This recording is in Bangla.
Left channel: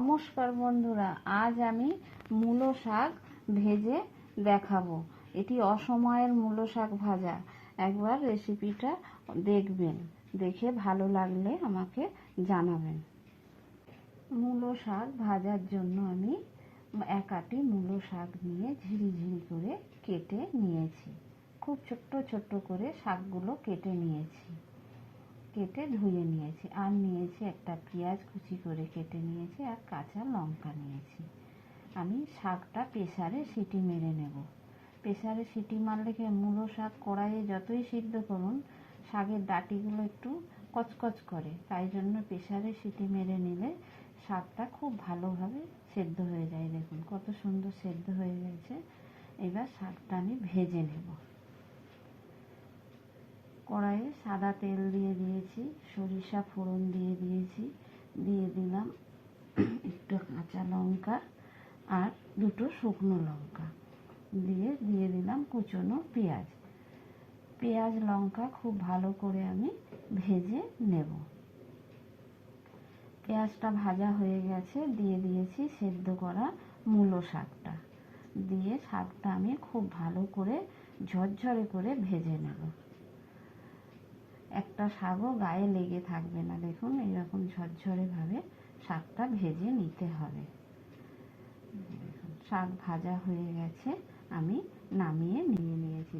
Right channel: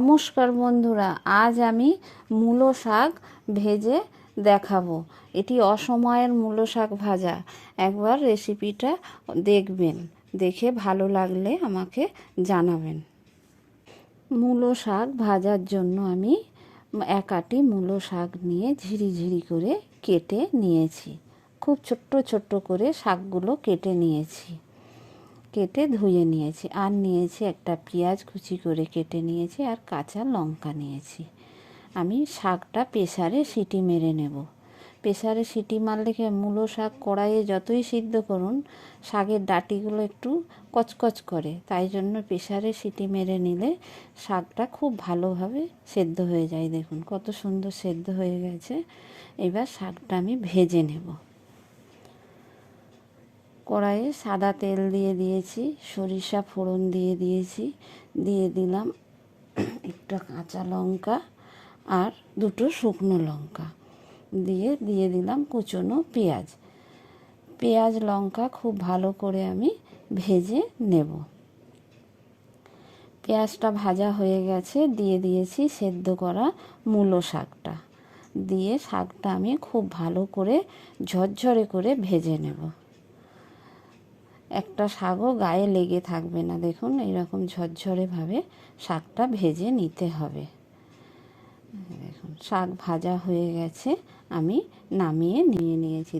নমস্কার বন্ধুরা, আজ আমি মূলো শাক ভেজে দেখাবো। এটি অসময়ের মূলো শাক ভাজা। একবার রেসিপিটা দেখবেন, দেখে ভালো লাগলে আমাকে জানাবেন। মূলো শাক ভাজার জন্য আমি এক আটি মূলো শাক নিয়ে ঝিরিঝিরি করে কেটে নিয়েছি। খুব ছোট্ট ছোট্ট করে শাকগুলো কেটে নিয়েছি, কেটে ধুয়ে নিয়েছি। আর নিয়েছি একটা পেঁয়াজ কুচি করে কেটে নিয়েছি, আর কাঁচা লঙ্কা নিয়েছি। আমি শাকটা প্রেসারে সিটি মেরে নেব। প্রেসারে সিটি মারলে কি, মূলো শাক কড়াইয়ে যতই সিদ্ধ করুন, শাকের ডাঁটিগুলো একটু কচকচ করে, তাই জন্য প্রেসারে সিটি মেরে নিলে শাকটা খুব ভালোভাবে সেদ্ধ হয়ে যায়। দেখুন কত সুন্দর সেদ্ধ হয়ে গেছে। এবার শাকটা আমি ভেজে নেব। কড়াইয়ে সাদা তেল দিয়ে দিয়েছি, সরিষা ফোড়ন দিয়ে দিয়েছি, দিয়ে দিলাম একটা কাঁচা লঙ্কা আর দুটো শুকনো লঙ্কা, দিয়ে দিলাম কুচনো পেঁয়াজ। পেঁয়াজ লঙ্কা খুব ভালো করে আমি ভেজে নেব। পেঁয়াজটা ভাজা হয়ে গেছে, দিয়ে দিয়েছি সেদ্ধ করা মূলো শাকটা। দিয়ে শাকটা আমি খুব ভালো করে ঝরঝরে করে ভেজে নেব। একটা শাকও গায়ে লেগে থাকবে না। দেখুন এইরকম ঝরঝরেভাবে শাকটা ভেজে নিতে হবে। দেখুন শাক ভাজা হয়ে গেছে, আমি নামিয়ে নিয়েছি।